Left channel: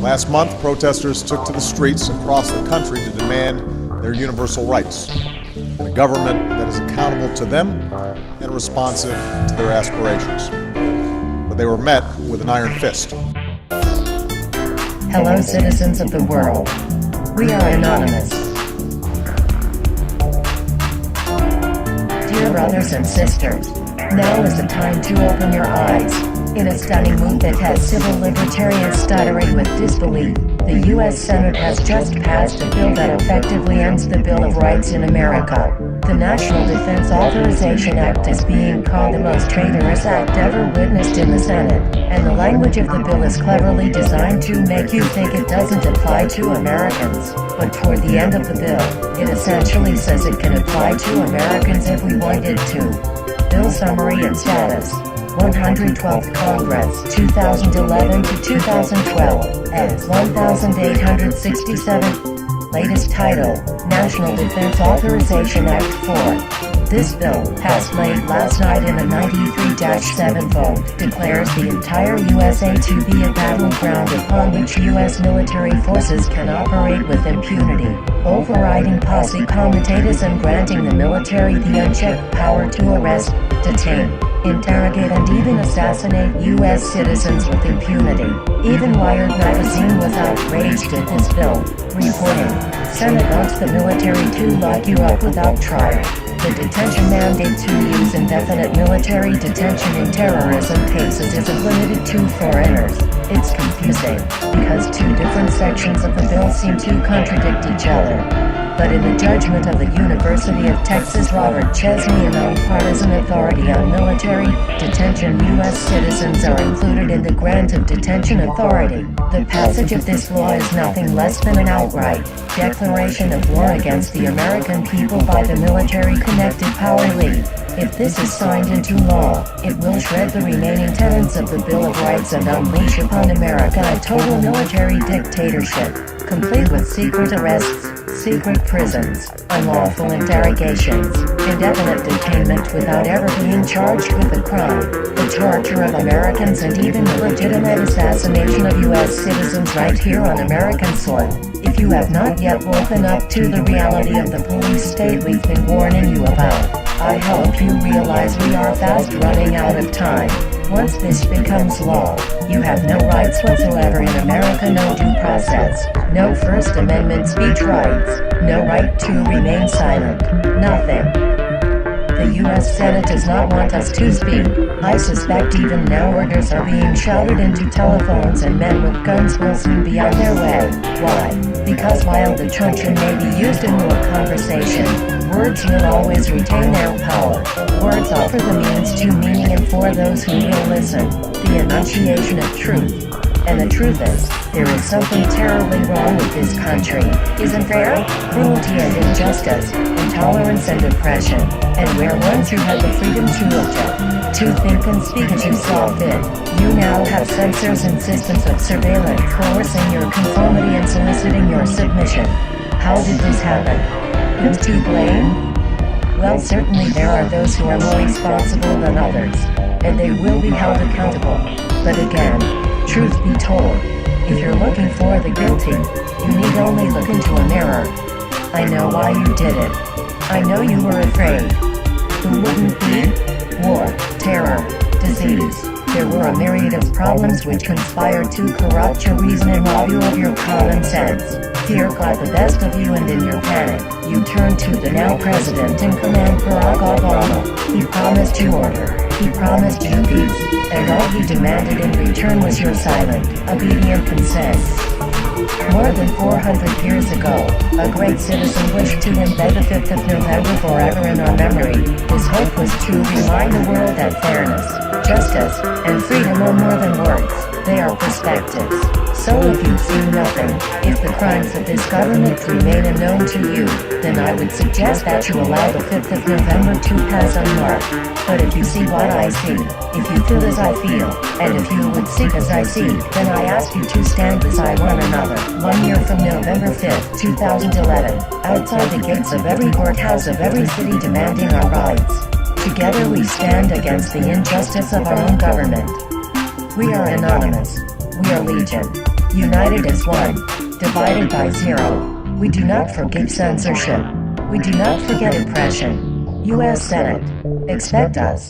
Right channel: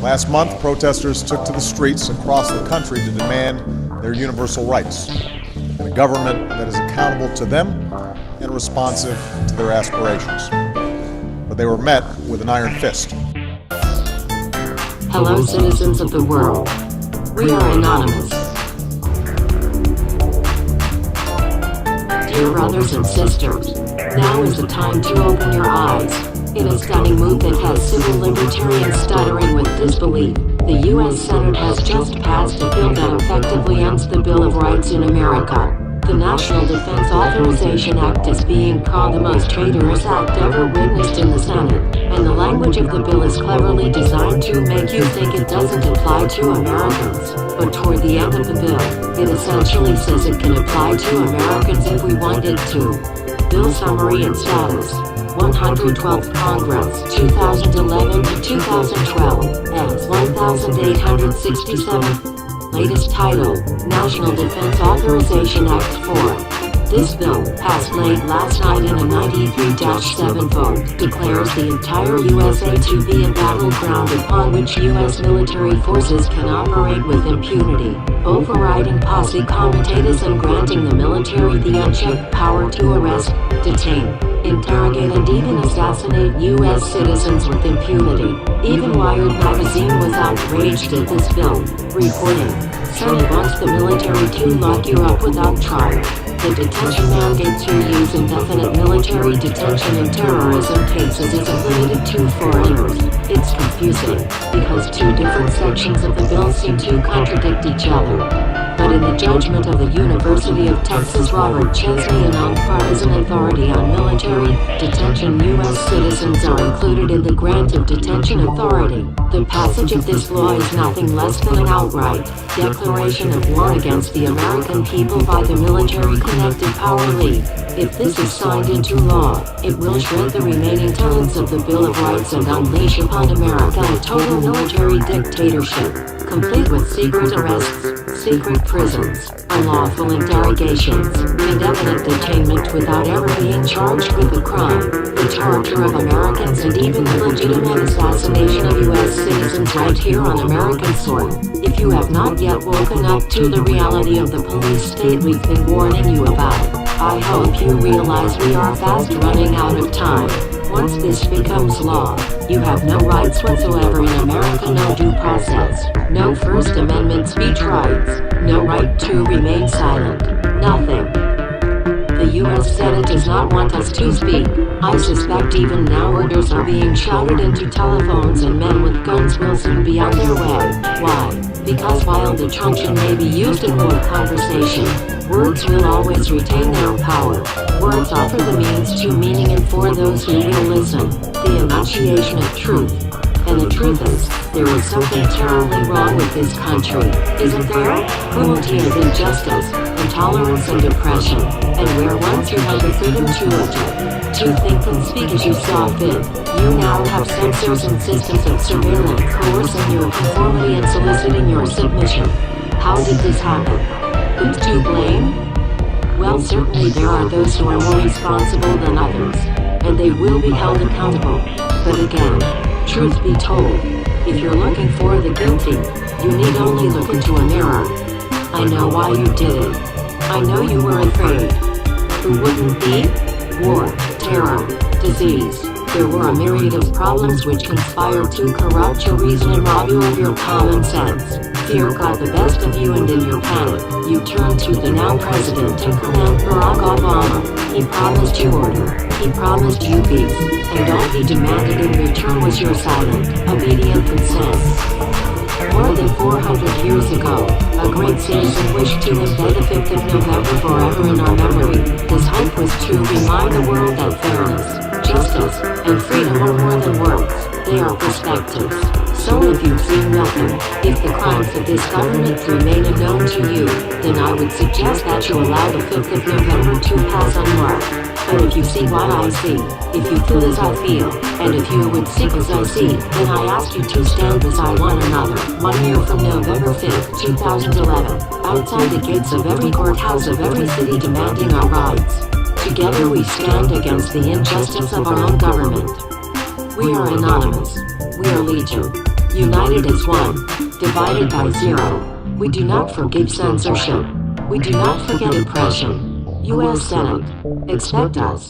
Last month, protesters took to the streets across the country to demand their universal rights and a government that is accountable to them and responsive to their aspirations. But they were met with an iron fist. Hello, citizens of the world. We are anonymous. Dear brothers and sisters, now is the time to open your eyes. In a stunning move that has civil libertarians stuttering with disbelief, the U.S. Senate has just passed a bill that effectively ends the Bill of Rights in America. The National Defense Authorization Act is being called the most traitorous act ever witnessed in the Senate, and the language of the bill is cleverly designed to make you think it doesn't apply to Americans. But toward the end of the bill, it essentially says it can apply to Americans if we want it to. Bill summary and status. 112th Congress, 2011 to 2012, as 1867. Latest title, National Defense Authorization Act 4. This bill, passed late last night in a 93-7 vote, declares the entire USA to be a battleground upon which U.S. military forces can operate with impunity, overriding posse comitatus and granting the military the unchecked power to arrest, detain, interrogate and even assassinate U.S. citizens with impunity. Even Wired magazine was outraged at this bill, reporting, Senate wants the military to lock you up without trial. The detention mandate to use indefinite military detention in terrorism cases isn't limited to foreigners. It's confusing, because two different sections of the bill seem to contradict each other. But in the judgment of the University of Texas Robert Chesney, a nonpartisan authority on military detention, U.S. citizens are included in the grant of detention authority. The passage of this law is nothing less than an outright declaration of war against the American people by the military-connected power league. If this is signed into law, it will shred the remaining tenets of the Bill of Rights and unleash upon America a total military dictatorship, complete with secret arrests, secret prisons, unlawful interrogations, indefinite detainment without ever being charged with a crime, the torture of Americans and even the legitimate assassination of U.S. citizens right here on American soil. If you have not yet woken up to the reality of the police state we've been warning you about, I hope you realize we are fast running out of time. Once this becomes law, you have no rights whatsoever in America, no due process, no First Amendment speech rights, no right to remain silent, nothing. The U.S. Senate does not want us to speak. I suspect even now orders are being shouted into telephones and men with guns will soon be on their way. Why? Because while the truncheon may be used in war conversation, words will always retain their power. Words offer the means to meaning, and for those who will listen, the enunciation of truth. And the truth is, there is something terribly wrong with this country, isn't there? Cruelty and injustice, intolerance and oppression, and where once you had the freedom to object, to think and speak as you saw fit, you now have censors and systems of surveillance coercing your conformity and soliciting your submission. How did this happen? Who's to blame? Well, certainly there are those who are more responsible than others, and they will be held accountable. But again, truth be told, if you're looking for the guilty, you need only look into a mirror. I know why you did it. I know you were afraid. Who wouldn't be? War, terror, disease. There were a myriad of problems which conspired to corrupt your reason and rob you of your common sense. Fear got the best of you, and in your panic, you turned to the now president in command, Barack Obama. He promised you order, he promised you peace, and all he demanded in return was your silent, obedient consent. More than 400 years ago, a great citizen wished to embed the 5th of November forever in our memory. His hope was to remind the world that fairness, justice, and freedom are more than words, they are perspectives. So if you've seen nothing, if the crimes of this government remain unknown to you, then I would suggest that you allow the 5th of November to pass unmarked. But if you see what I see, if you feel as I feel, and if you would seek as I seek, then I ask you to stand beside one another, 1 year from November 5th, 2011, outside the gates of every courthouse of every city demanding our rights. Together we stand against the injustice of our own government. We are anonymous. We are legion. United as one, divided by zero. We do not forgive censorship. We do not forget oppression. U.S. Senate. Expect us.